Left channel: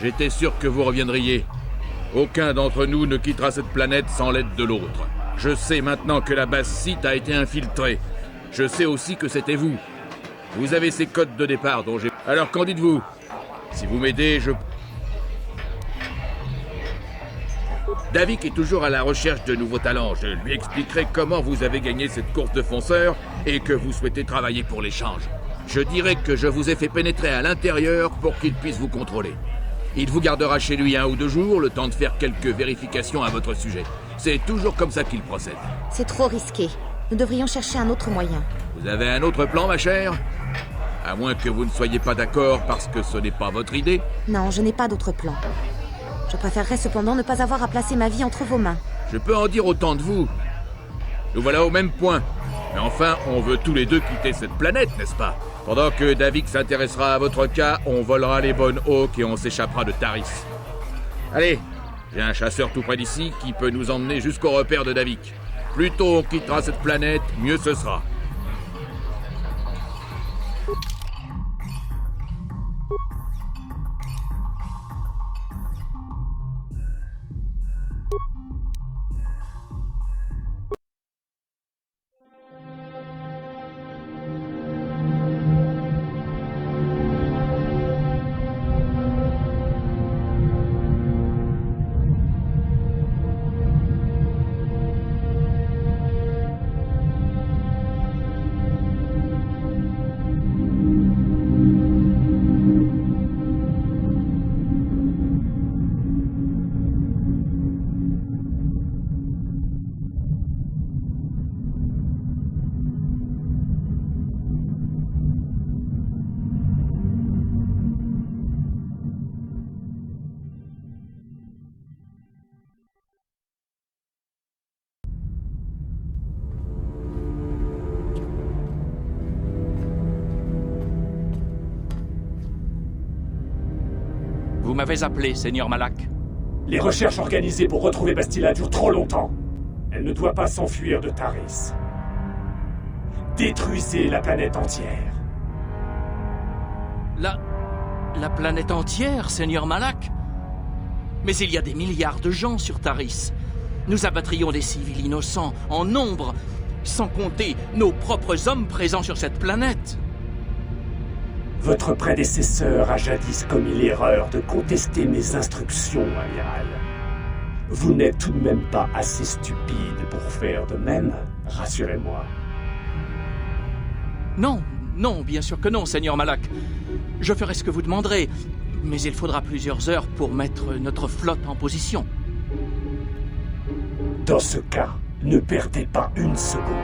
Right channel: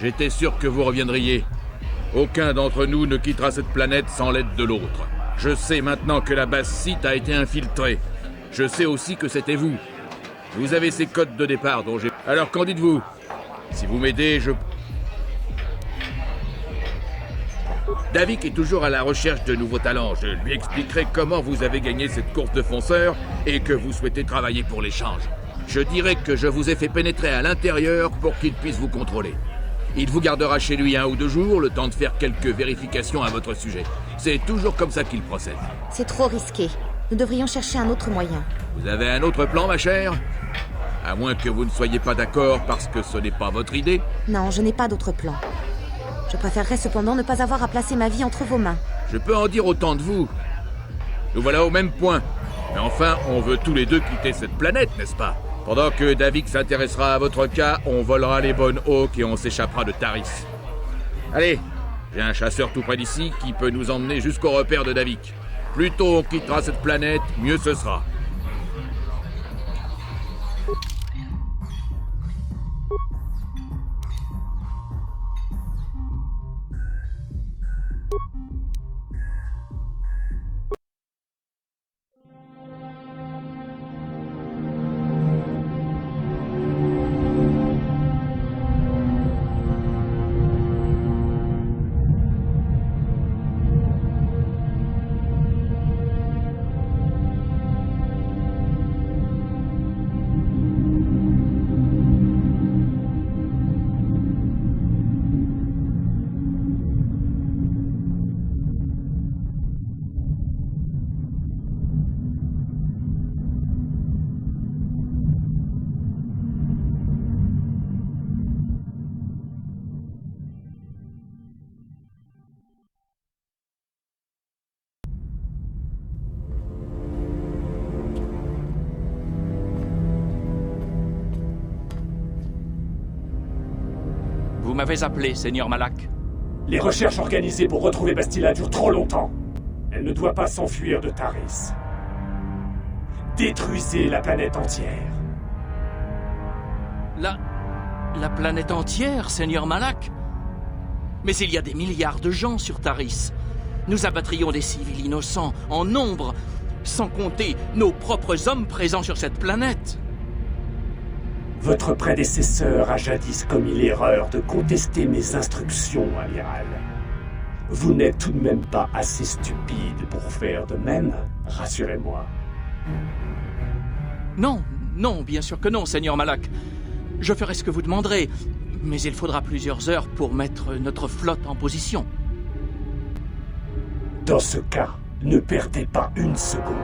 J'étais sûr que vous reviendriez. Aucun d'entre nous ne quittera cette planète sans l'aide de l'autre. Je sais maintenant que la base site a été infiltrée. Je sais aussi que c'était vous. Vous avez ces codes de départ dont j'ai... Alors qu'en dites-vous? Si vous m'aidez, je... Davik est toujours à la recherche de nouveaux talents. Je lui expliquerai comment vous avez gagné cette course de fonceurs et que vous souhaitez travailler pour l'échange. Je dirai que je vous ai fait pénétrer à l'intérieur pour qu'il puisse vous contrôler. Il vous gardera chez lui 1 ou 2 jours, le temps de faire quelques vérifications à votre sujet. C'est toujours comme ça qu'il procède. C'est trop risqué. Nous devrions chercher un autre moyen. Vous avez un autre plan, ma chère? À moins que vous ne soyez pas d'accord parce que ce n'est pas votre idée? Non, je n'ai pas d'autre plan. Je préférerais cependant ne pas avoir à placer ma vie entre vos mains. Je peux en dire autant de vous. Nous voilà au même point. Mais enfin, on veut tous les deux quitter cette planète, n'est-ce pas? Pendant que Davik s'intéressera à votre cas, on volera les bonnes Hawks et on s'échappera de Taris. Allez, j'ai un chasseur tout près d'ici qui peut nous emmener jusqu'au repère de Davik. Plus tôt on quittera cette planète, mieux ce sera. Vous m'avez appelé, Seigneur Malak. Les recherches organisées pour retrouver Bastila durent trop longtemps. Elle ne doit pas s'enfuir de Taris. Détruisez la planète entière. La planète entière, Seigneur Malak? Mais il y a des milliards de gens sur Taris. Nous abattrions des civils innocents en nombre, sans compter nos propres hommes présents sur cette planète. Votre prédécesseur a jadis commis l'erreur de contester mes instructions, amiral. Vous n'êtes tout de même pas assez stupide pour faire de même, rassurez-moi. Non, bien sûr que non, Seigneur Malak. Je ferai ce que vous demanderez, mais il faudra plusieurs heures pour mettre notre flotte en position. Dans ce cas, ne perdez pas une seconde.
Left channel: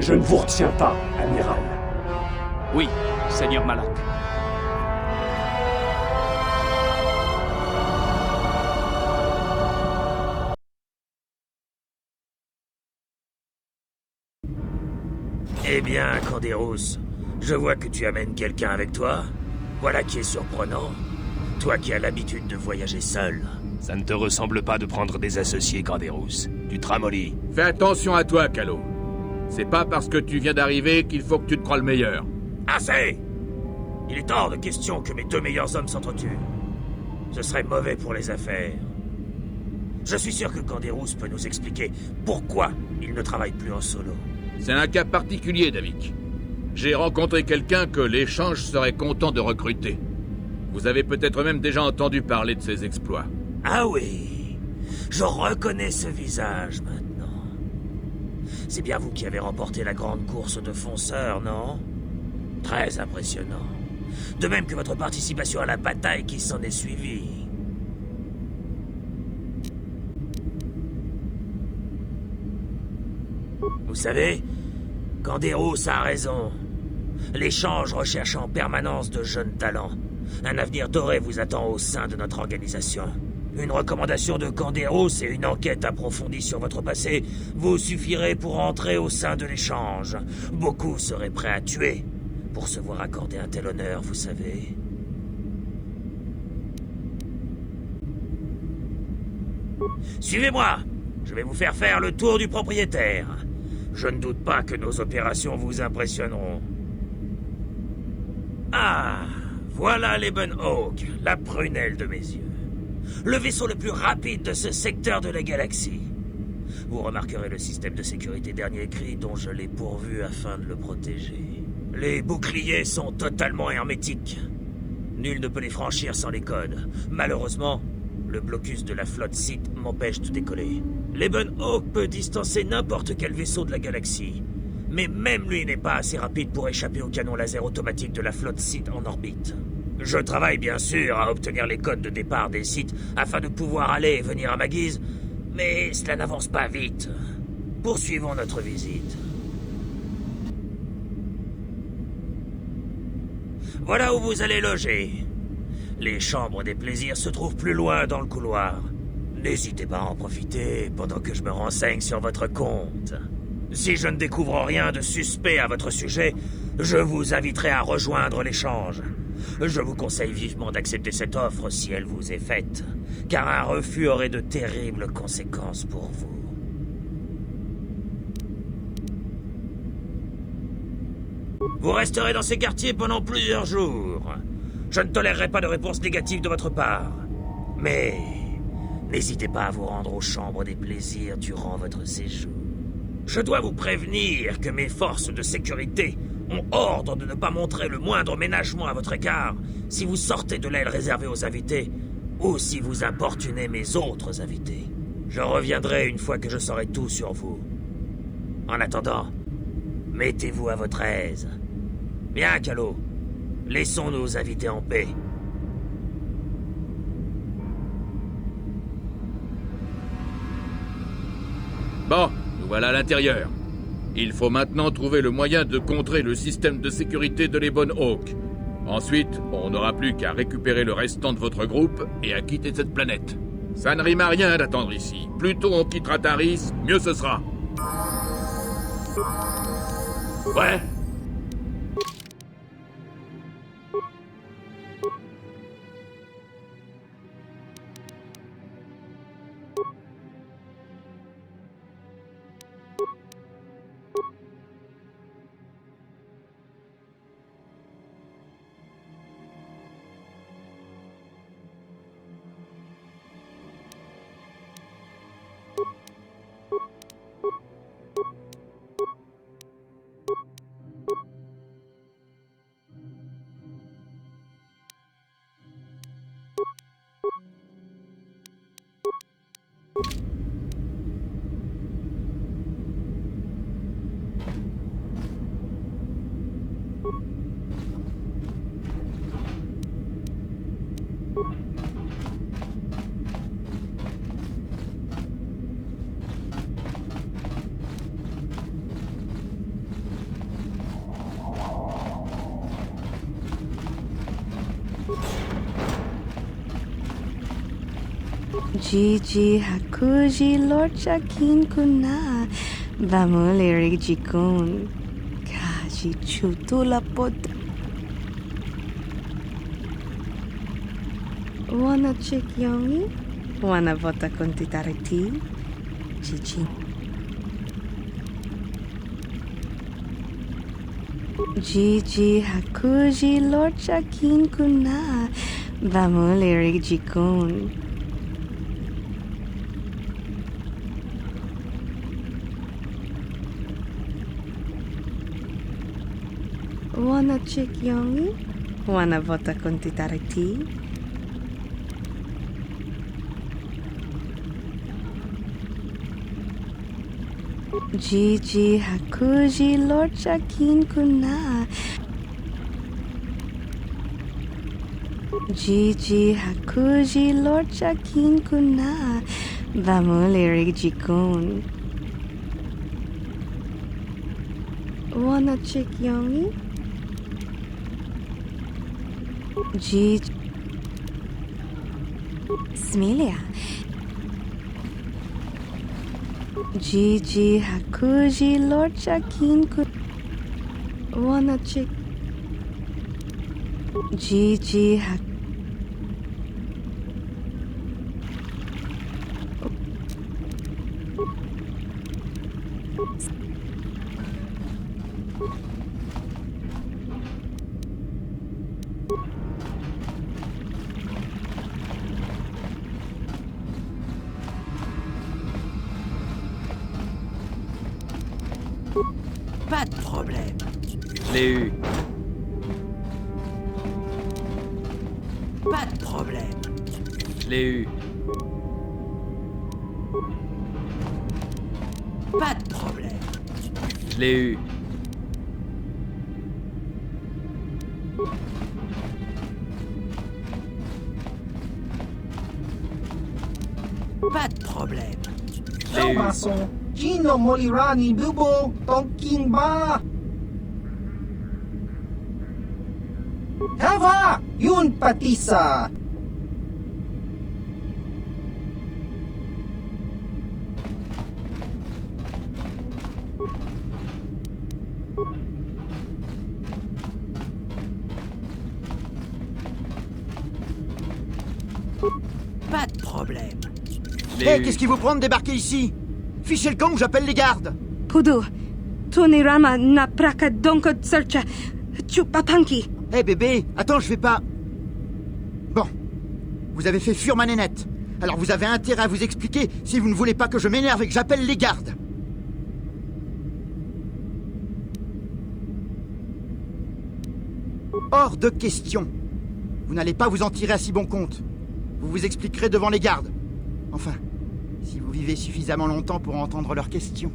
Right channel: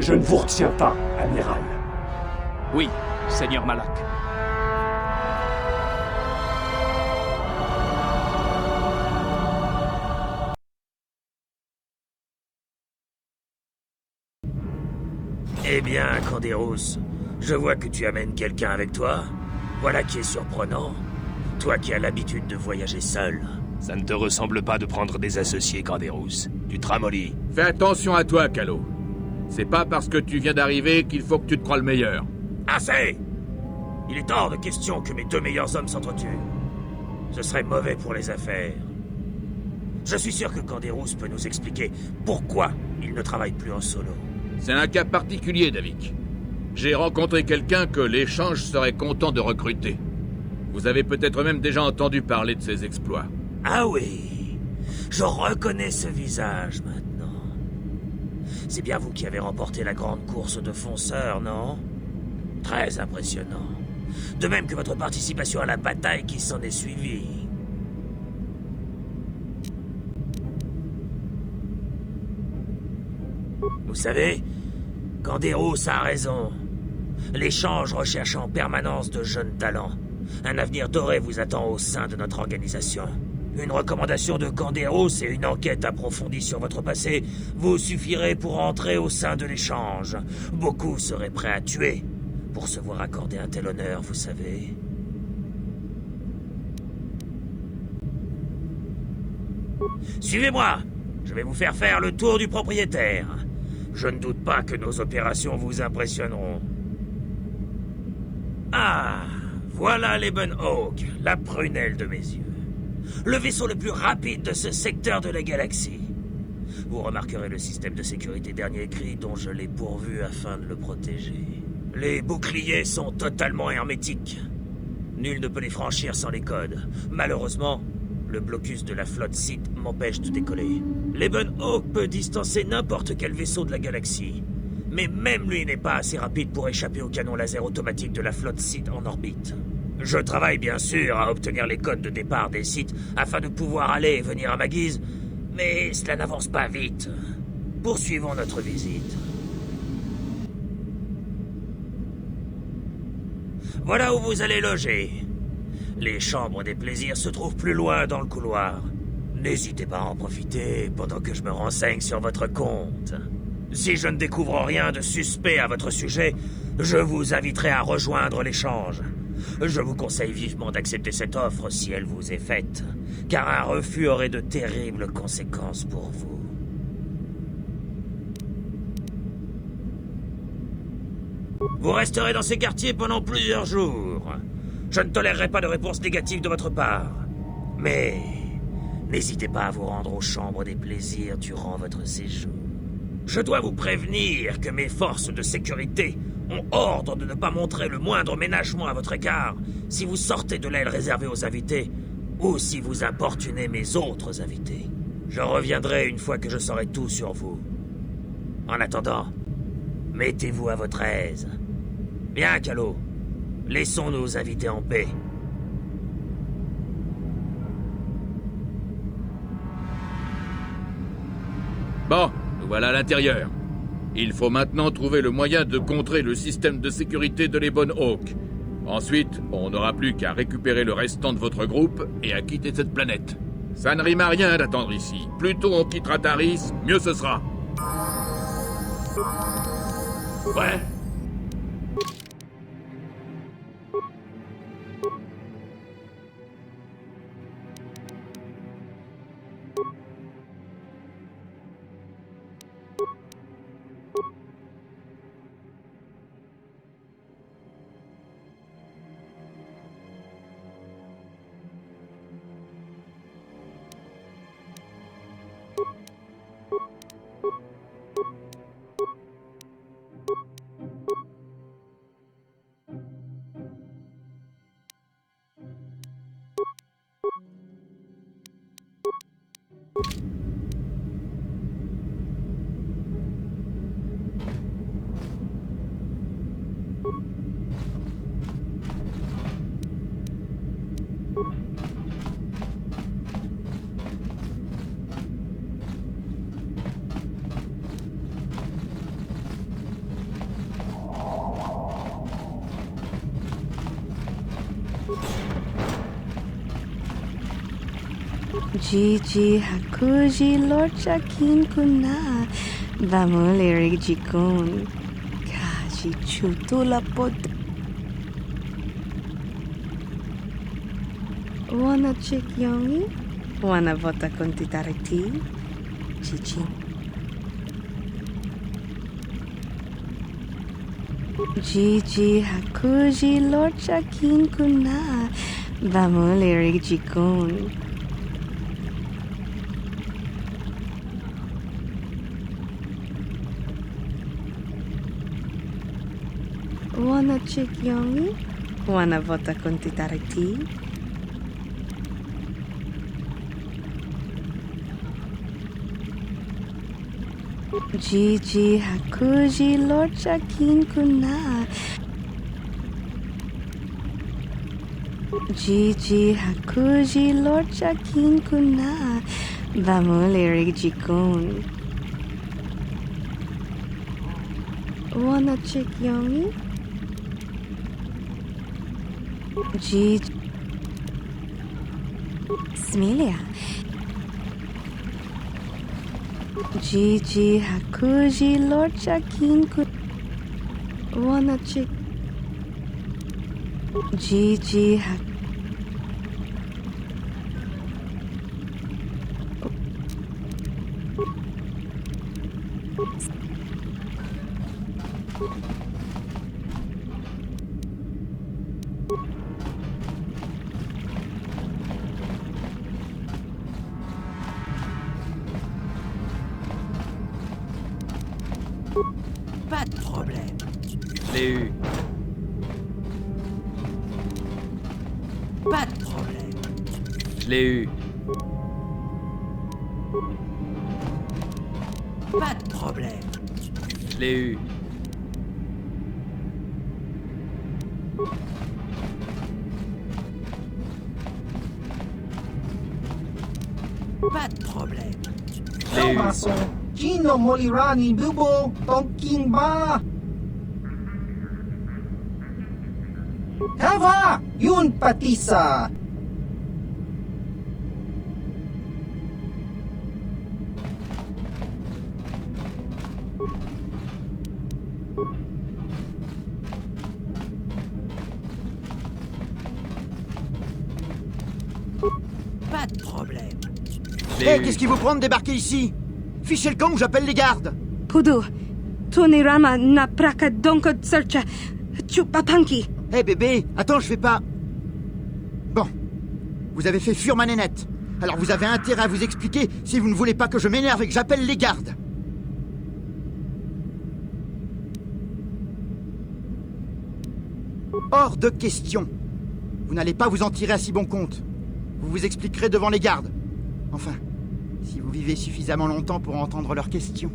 Je ne vous retiens pas, amiral. Oui, Seigneur Malak. Eh bien, Canderous, je vois que tu amènes quelqu'un avec toi. Voilà qui est surprenant. Toi qui as l'habitude de voyager seul. Ça ne te ressemble pas de prendre des associés, Canderous. Tu te ramollis. Fais attention à toi, Calo. C'est pas parce que tu viens d'arriver qu'il faut que tu te crois le meilleur. Assez! Il est hors de question que mes 2 meilleurs hommes s'entretuent. Ce serait mauvais pour les affaires. Je suis sûr que Canderous peut nous expliquer pourquoi il ne travaille plus en solo. C'est un cas particulier, Davik. J'ai rencontré quelqu'un que l'échange serait content de recruter. Vous avez peut-être même déjà entendu parler de ses exploits. Ah oui, je reconnais ce visage maintenant. C'est bien vous qui avez remporté la grande course de fonceurs, non? Très impressionnant. De même que votre participation à la bataille qui s'en est suivie. Vous savez, Canderous a raison. L'échange recherche en permanence de jeunes talents. Un avenir doré vous attend au sein de notre organisation. Une recommandation de Canderous et une enquête approfondie sur votre passé vous suffirait pour entrer au sein de l'échange. Beaucoup seraient prêts à tuer pour se voir accorder un tel honneur, vous savez. Suivez-moi. Je vais vous faire le tour du propriétaire. Je ne doute pas que nos opérations vous impressionneront. Ah, Voilà l'Ebon-Hawk, la prunelle de mes yeux. Le vaisseau le plus rapide de ce secteur de la galaxie. Vous remarquerez le système de sécurité dernier cri dont je l'ai pourvu afin de le protéger. Les boucliers sont totalement hermétiques. Nul ne peut les franchir sans les codes. Malheureusement, le blocus de la flotte Sith m'empêche de décoller. L'Ebon-Hawk peut distancer n'importe quel vaisseau de la galaxie. Mais même lui n'est pas assez rapide pour échapper au canon laser automatique de la flotte Sith en orbite. Je travaille bien sûr à obtenir les codes de départ des Sith afin de pouvoir aller et venir à ma guise, mais cela n'avance pas vite. Poursuivons notre visite. Voilà où vous allez loger. Les chambres des plaisirs se trouvent plus loin dans le couloir. N'hésitez pas à en profiter pendant que je me renseigne sur votre compte. Si je ne découvre rien de suspect à votre sujet, je vous inviterai à rejoindre l'échange. Je vous conseille vivement d'accepter cette offre si elle vous est faite, car un refus aurait de terribles conséquences pour vous. Vous resterez dans ces quartiers pendant plusieurs jours. Je ne tolérerai pas de réponse négative de votre part. Mais n'hésitez pas à vous rendre aux chambres des plaisirs durant votre séjour. Je dois vous prévenir que mes forces de sécurité ont ordre de ne pas montrer le moindre ménagement à votre égard si vous sortez de l'aile réservée aux invités ou si vous importunez mes autres invités. Je reviendrai une fois que je saurai tout sur vous. En attendant, mettez-vous à votre aise. Bien, Calo. Laissons nos invités en paix. Bon, nous voilà à l'intérieur. Il faut maintenant trouver le moyen de contrer le système de sécurité de l'Ebon-Hawk. Ensuite, on n'aura plus qu'à récupérer le restant de votre groupe et à quitter cette planète. Ça ne rime à rien d'attendre ici. Plus tôt on quittera Taris, mieux ce sera. Ouais. Gigi Hakuji Lorcha Kin Kuna Bamuleri Jikun Kaji Chutula Pod Wanna chick yongi? Wanna vota kontitariti? Chichi Gigi Hakuji Lorcha Kin Kuna Bamuleri Jikun Wanna chick yongi? Wanna vota kontitariti? Gigi Hakuji Lorcha Kin Kuna Gigi Hakuji Lorcha Kin Kuna Bamuleri Jikun Wanna chick yongi? Gigi Smilia Gigi Hakuji Lorcha Kin Kuna Wanna chick Gigi Hakuji Pas de problème. Je l'ai eu. Pas de problème. Je l'ai eu. Pas de problème. Je l'ai eu. Pas de problème. Je l'ai eu. เข้ามาส่งชิโนโมริรานิบิโบต้องกิงบ้าฮาวายุนปฏิสา Pas de problème. Je l'ai Hé, eu. qu'est-ce qui vous prend de débarquer ici? Fichez le camp ou j'appelle les gardes. Pudu, Tunirama na praka donko searcha chupapanki. Hé bébé, attends, je vais pas... Bon, vous avez fait fuir ma nénette. Alors vous avez intérêt à vous expliquer si vous ne voulez pas que je m'énerve et que j'appelle les gardes. Hors de question. Vous n'allez pas vous en tirer à si bon compte. Vous vous expliquerez devant les gardes. Enfin, si vous vivez suffisamment longtemps pour entendre leurs questions.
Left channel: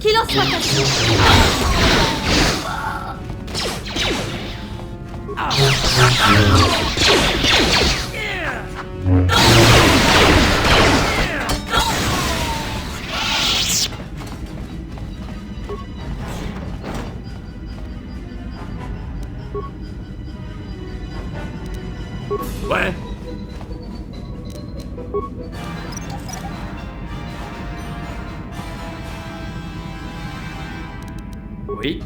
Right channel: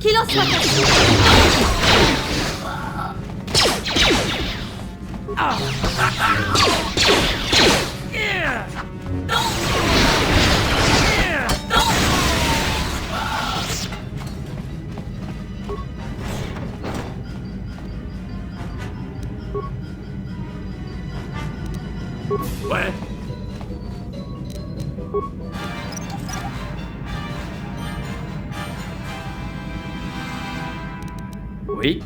Qu'il en soit ainsi. Ouais. Oui.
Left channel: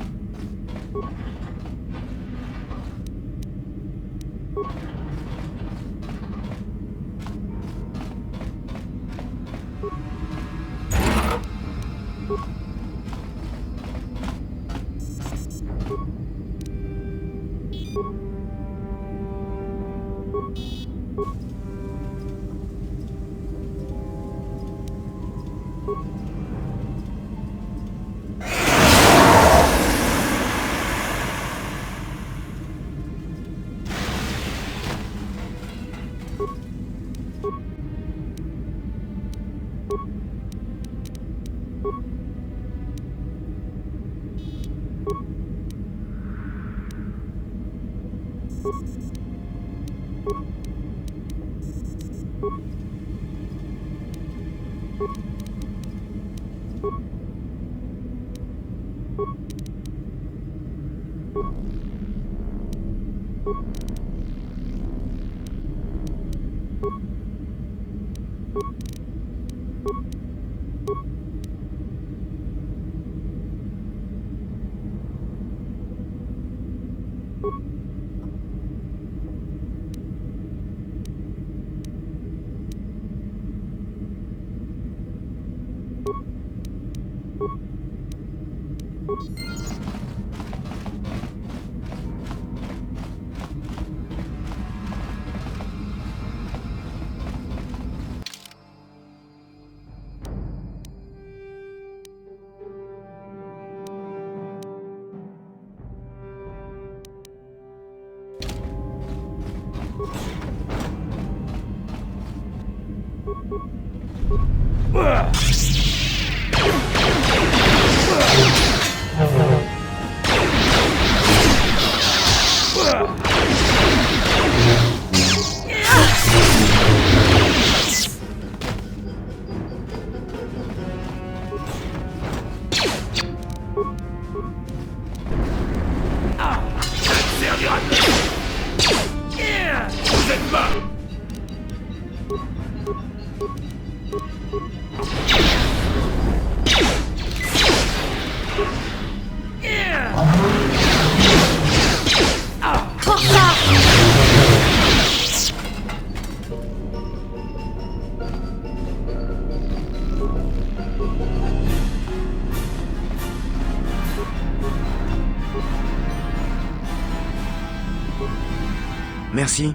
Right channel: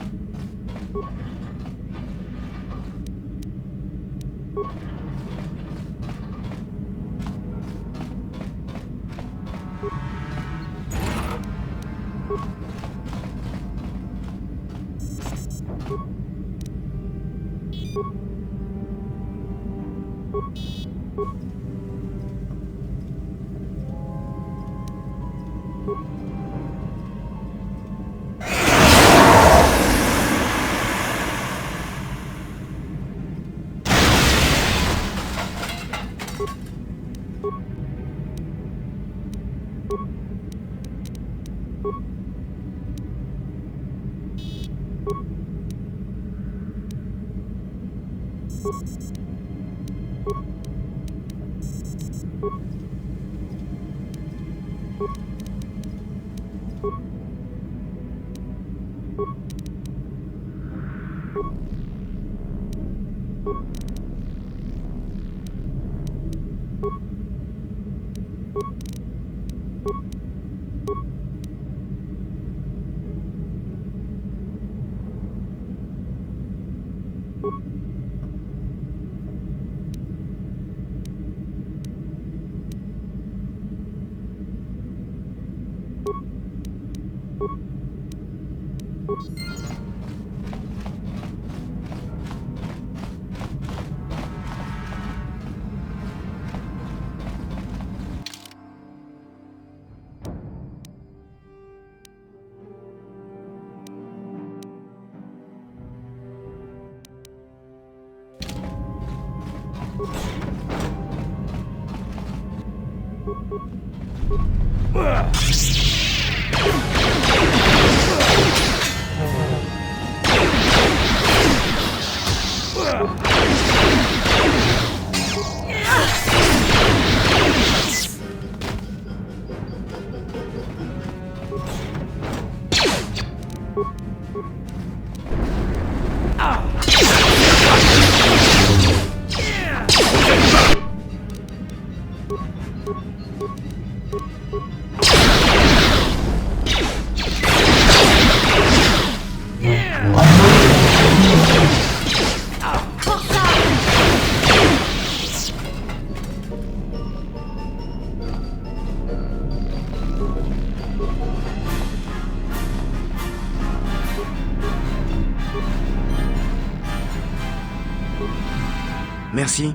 Merci.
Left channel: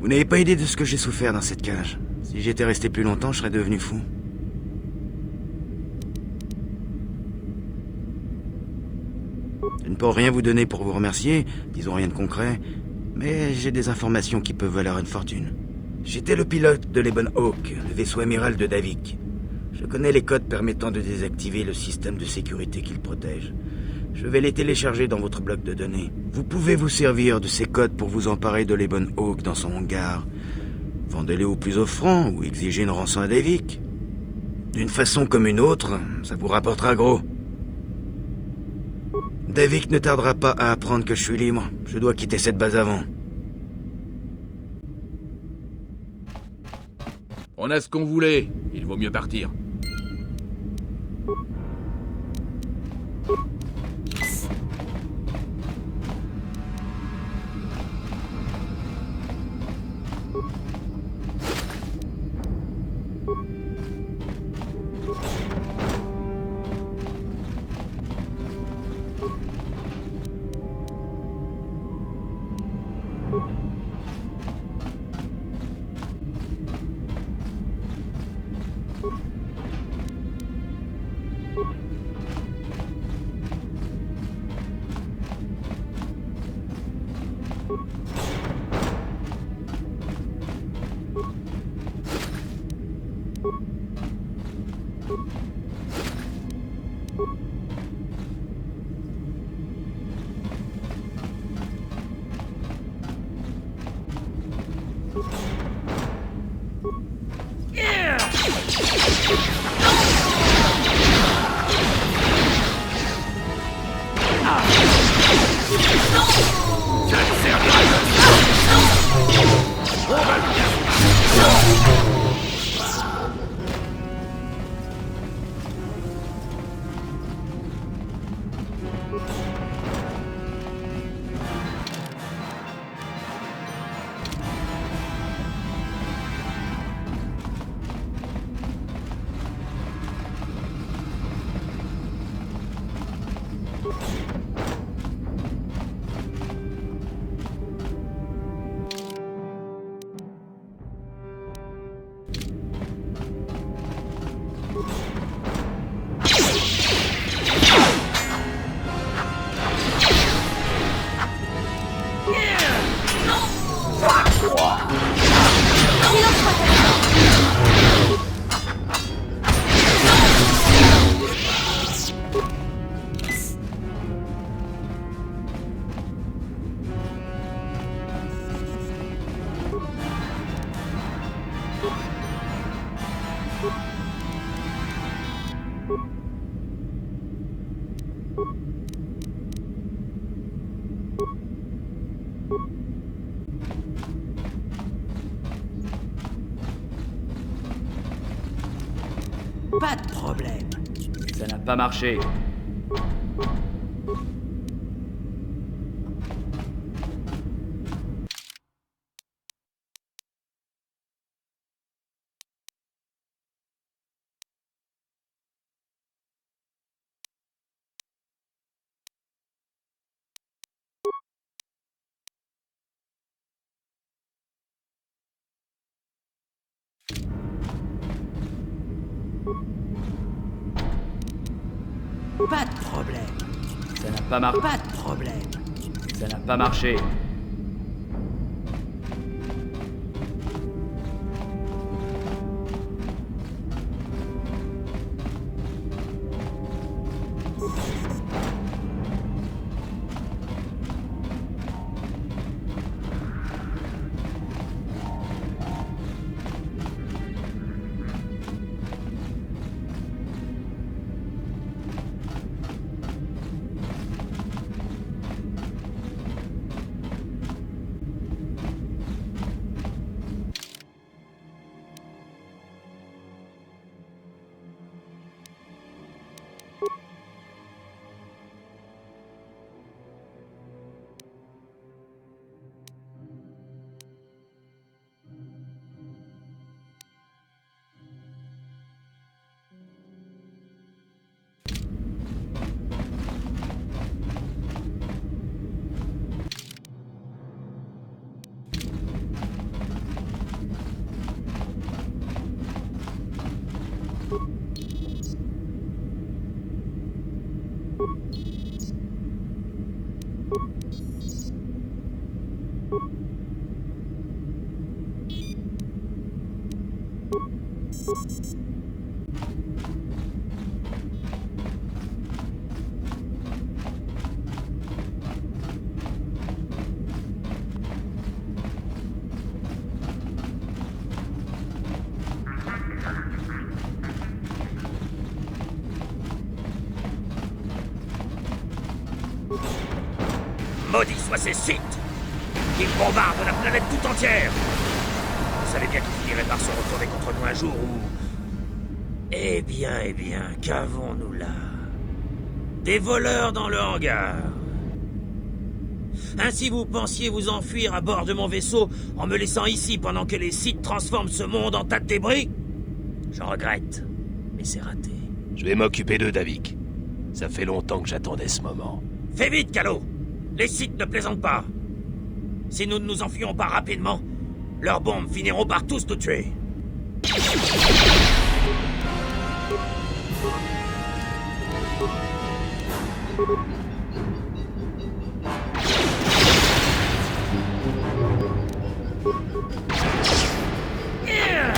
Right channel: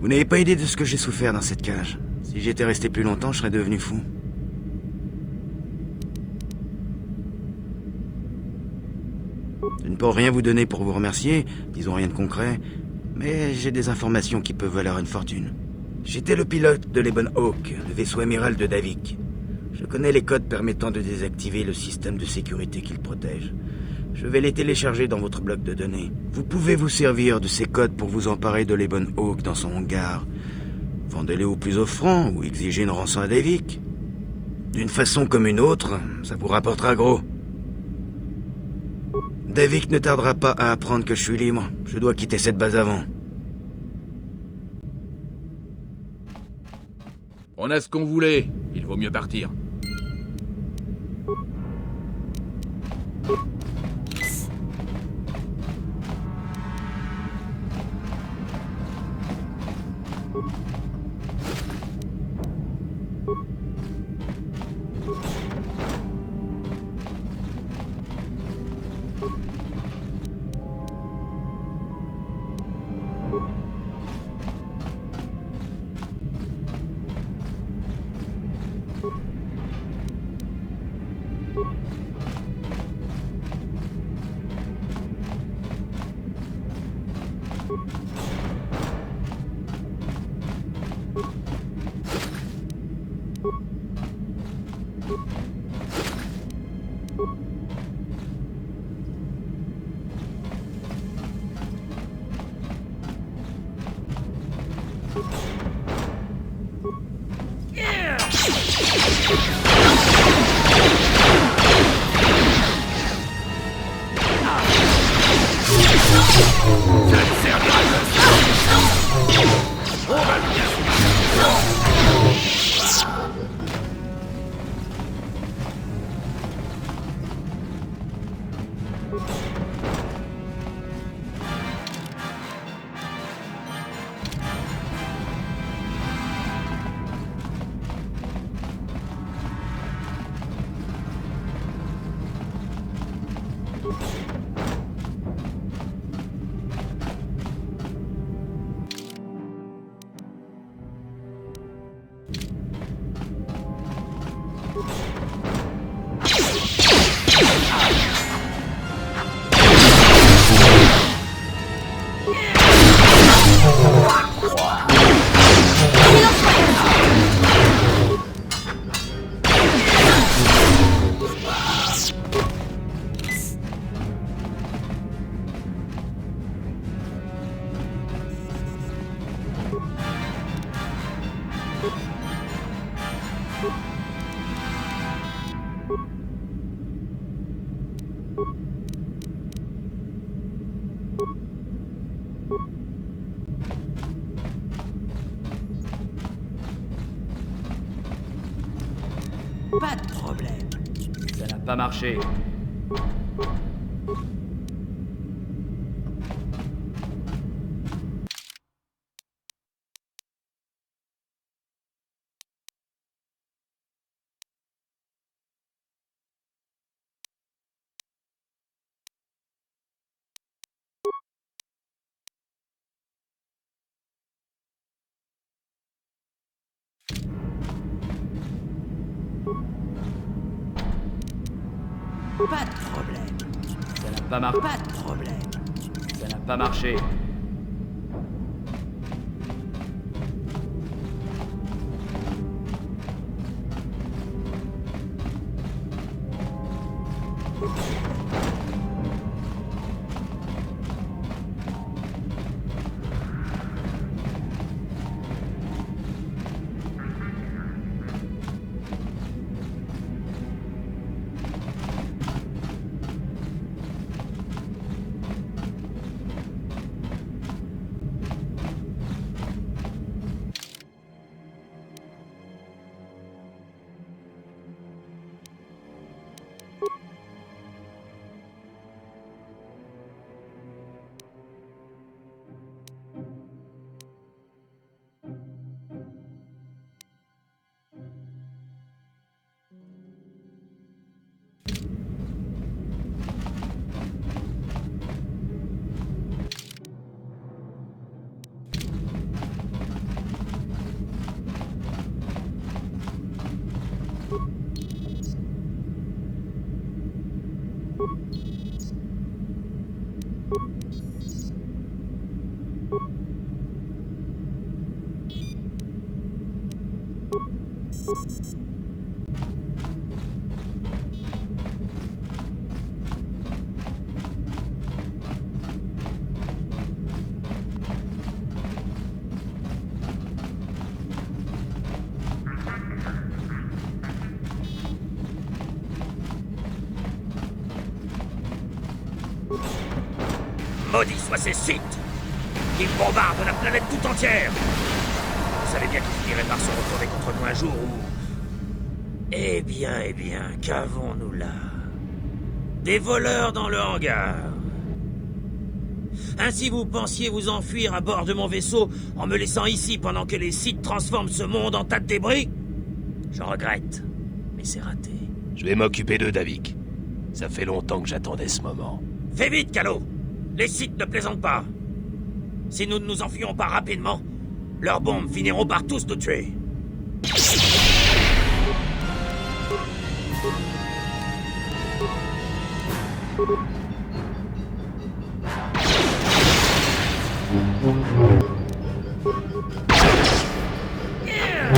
Vous n'avez pas idée de ce que j'ai souffert dans cette cage. Si j'étais resté plus longtemps, je serais devenu fou. Je ne peux rien vous donner pour vous remercier, disons rien de concret, mais j'ai des informations qui peuvent valoir une fortune. J'étais le pilote de l'Ebon Hawk, le vaisseau amiral de Davik. Je connais les codes permettant de désactiver le système de sécurité qu'il protège. Je vais les télécharger dans votre bloc de données. Vous pouvez vous servir de ces codes pour vous emparer de l'Ebon Hawk dans son hangar. Vendez-les au plus offrant ou exigez une rançon à Davik. D'une façon comme une autre, ça vous rapportera gros. Davik ne tardera pas à apprendre que je suis libre. Je dois quitter cette base avant. On a ce qu'on voulait. Il vaut mieux partir. Pas de problème. Ça n'a pas marché. Pas de problème. Ça n'a pas marché. Pas de problème. Ça n'a pas marché. Maudits soient ces Sith! Ils bombardent la planète tout entière! Vous savez bien qu'ils finiraient par se retourner contre nous un jour où... Eh bien, qu'avons-nous là? Des voleurs dans le hangar. Ainsi vous pensiez vous enfuir à bord de mon vaisseau en me laissant ici pendant que les Sith transforment ce monde en tas de débris? J'en regrette, mais c'est raté. Je vais m'occuper d'eux, Davik. Ça fait longtemps que j'attendais ce moment. Fais vite, Calo! Les Sith ne plaisantent pas. Si nous ne nous enfuyons pas rapidement, leurs bombes finiront par tous nous tuer.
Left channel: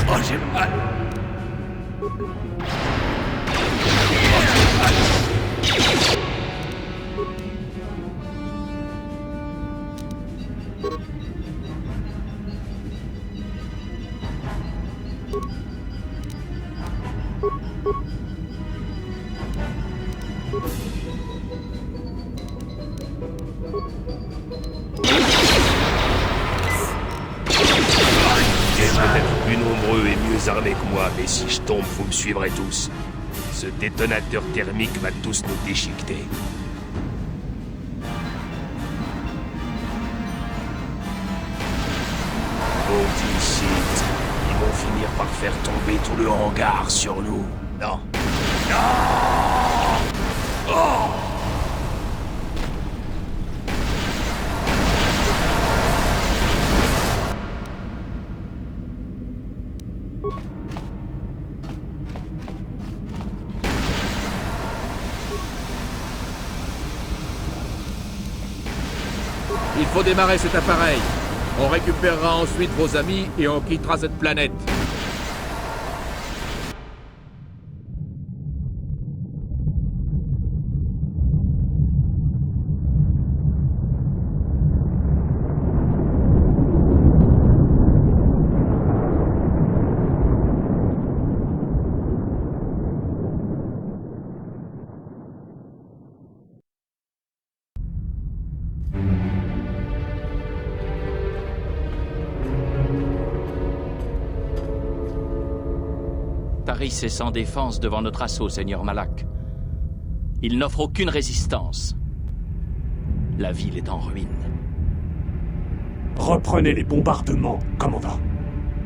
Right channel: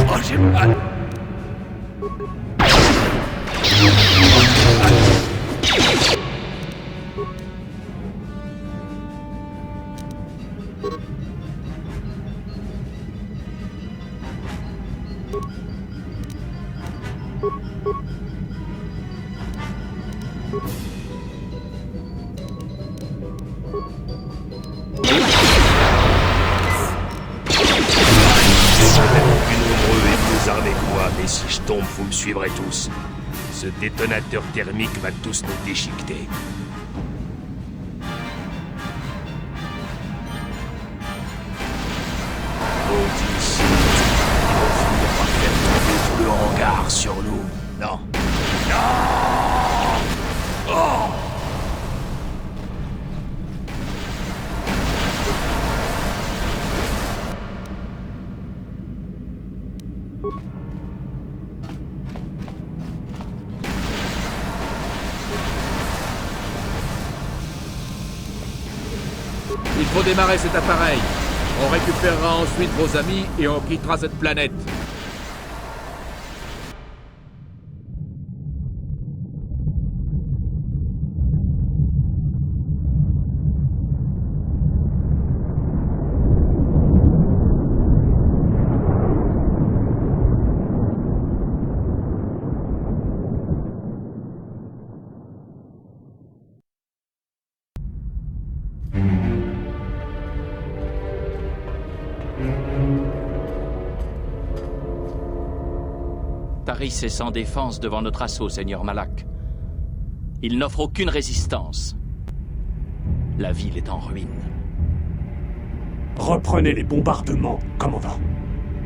Oh, j'ai mal. Plus nombreux et mieux armés que moi, mais si je tombe, vous me suivrez tous. Ce détonateur thermique va tous nous déchiqueter. Maudits Sith, ils vont finir par faire tomber tout le hangar sur nous. Non. Non! Oh! Il faut démarrer cet appareil. On récupérera ensuite vos amis et on quittera cette planète. Taris est sans défense devant notre assaut, Seigneur Malak. Il n'offre aucune résistance. La ville est en ruine. Reprenez les bombardements, commandant.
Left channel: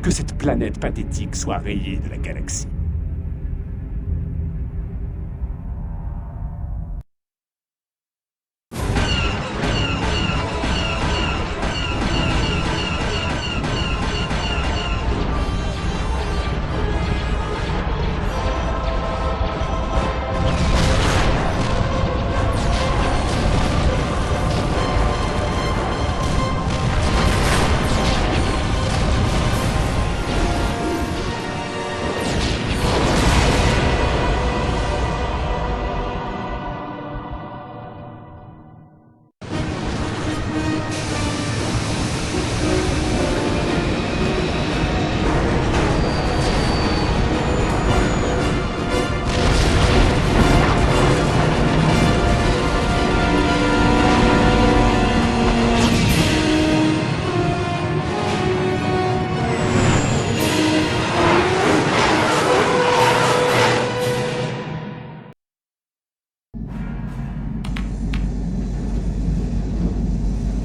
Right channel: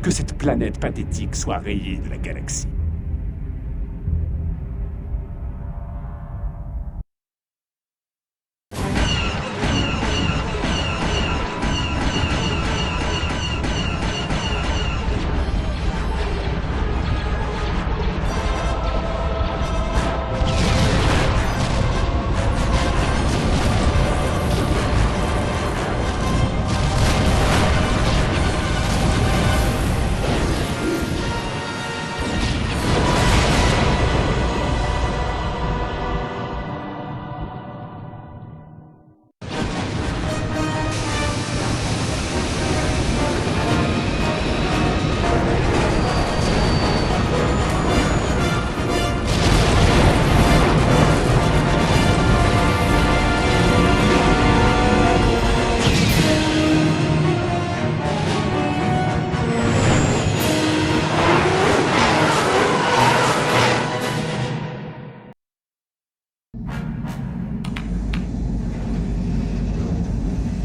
Que cette planète pathétique soit rayée de la galaxie.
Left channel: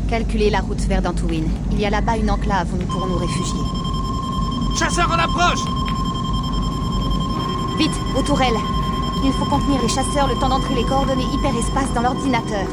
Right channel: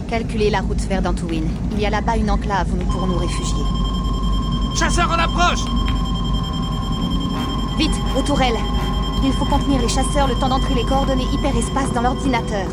Calculez la route vers Dantooine. Il y a là-bas une enclave où nous pourrons nous réfugier. Chasseurs en approche! Vite, aux tourelles. Il faut contenir les chasseurs le temps d'entrer les coordonnées hyperespace dans l'ordinateur.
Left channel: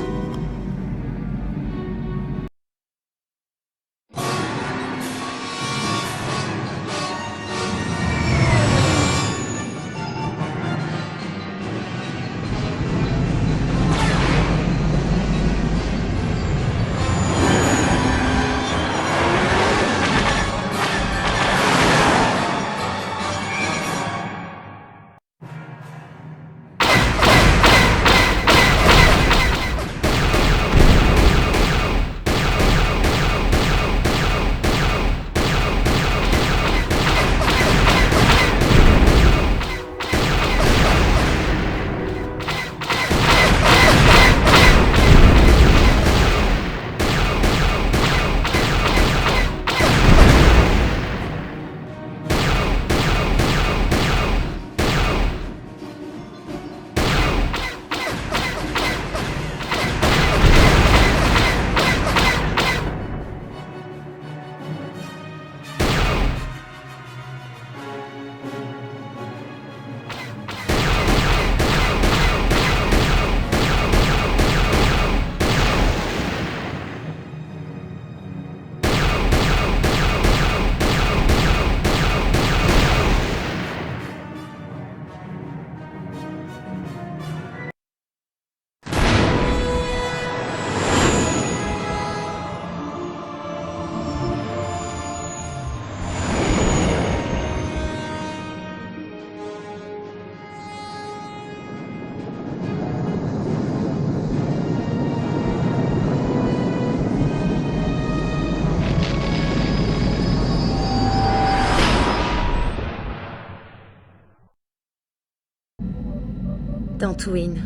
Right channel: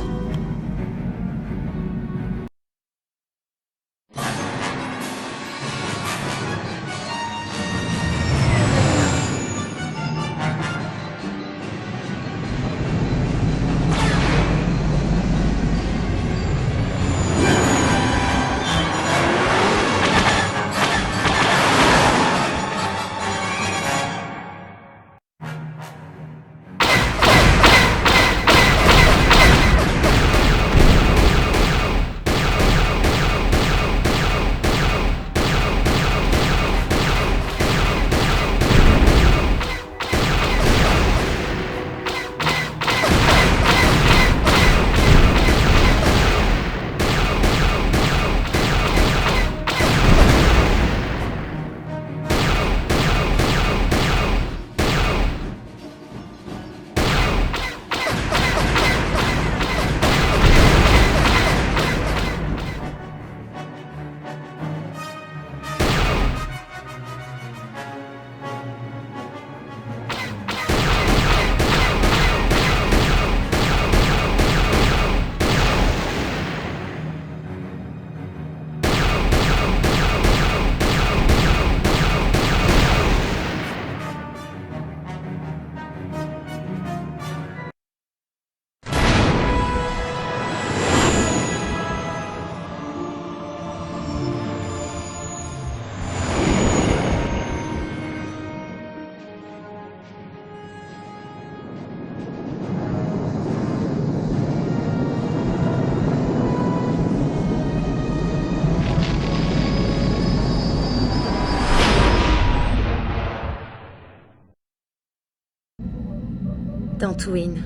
Dantooine.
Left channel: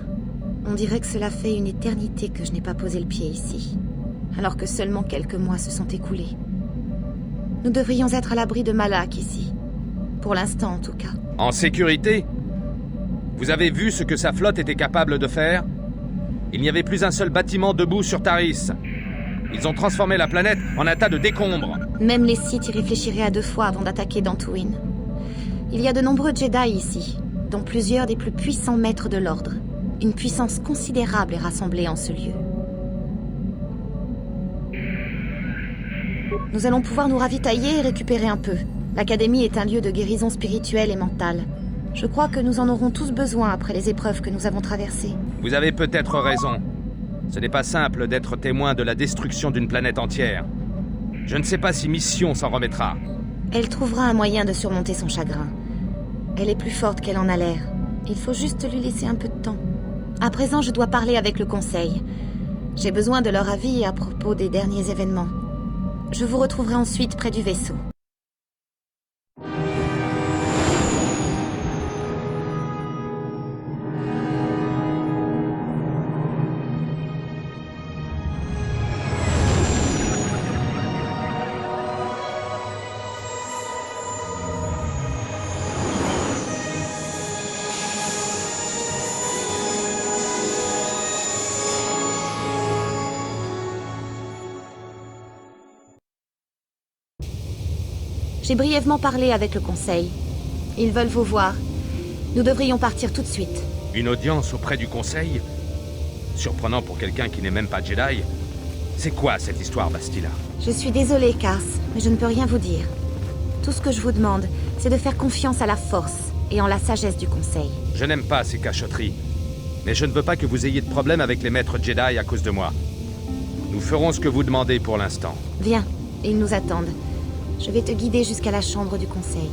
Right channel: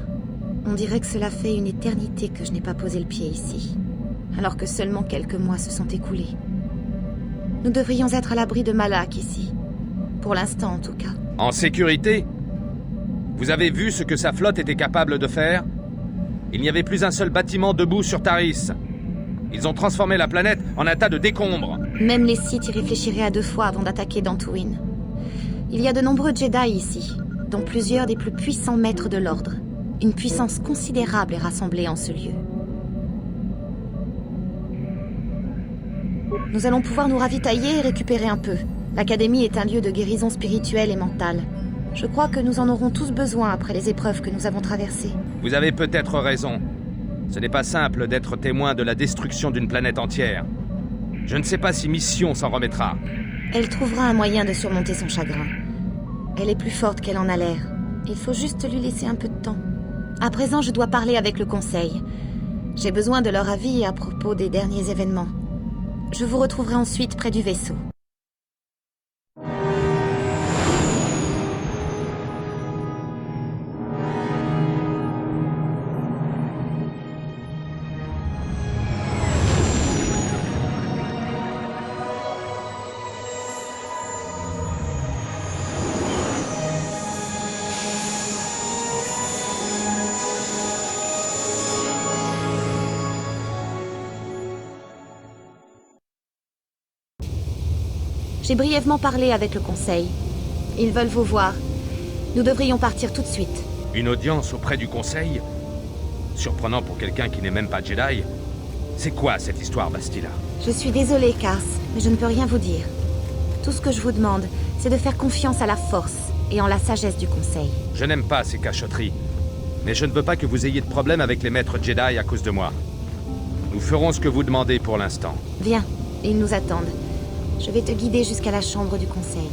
On dirait que cela fait une éternité que je n'ai pas posé le pied ici, alors que seulement quelques mois se sont écoulés. Nous devrions être à l'abri de Malak ici. Pour l'instant, en tout cas. En sécurité? Vous avez vu ce que sa flotte était capable de faire? Il n'y avait plus un seul bâtiment debout sur Taris. Ils ont transformé la planète en un tas de décombres. Même les Sith y réfléchiraient à 2 fois avant d'attaquer Dantooine. Il y a de nombreux Jedi ici, dont plusieurs des plus puissants maîtres de l'ordre. Une puissance considérable est rassemblée en ce lieu. Nous allons pouvoir nous ravitailler et récupérer un peu. L'Académie est un lieu de guérison spirituelle et mentale. Je crois que nous en aurons tous besoin après les épreuves que nous avons traversées. Vous avez peut-être raison. Ce n'est pas simple d'être témoin de la destruction d'une planète entière. Je ne sais pas si Mission s'en remettra. Elle trouvera un moyen de surmonter son chagrin. Elle est plus forte qu'elle en a l'air. Il faut juste lui laisser un peu de temps. À présent, je dois parler avec le Conseil. J'ai besoin de leur avis à propos des derniers événements. Je vous retrouverai ensuite près du vaisseau. J'ai brièvement parlé avec le Conseil. Ils veulent vous voir. Nous devrions partir tout de suite. Une audience auprès du Conseil? Surprenant pour quelqu'un qui n'est même pas Jedi. C'est quoi cette histoire, Bastila? Je suis désolée, Kars, mais je ne peux rien vous dire. Tout ce que je vous demande, c'est de faire confiance à la Force et en la sagesse du Conseil. Je n'aime pas ces cachotteries. Mais je ne veux pas que vous ayez de problème avec les maîtres Jedi à cause de moi. Nous ferons ce que vous demandez pour l'instant. Viens, ils nous attendent. Je vais te guider jusqu'à la chambre du Conseil.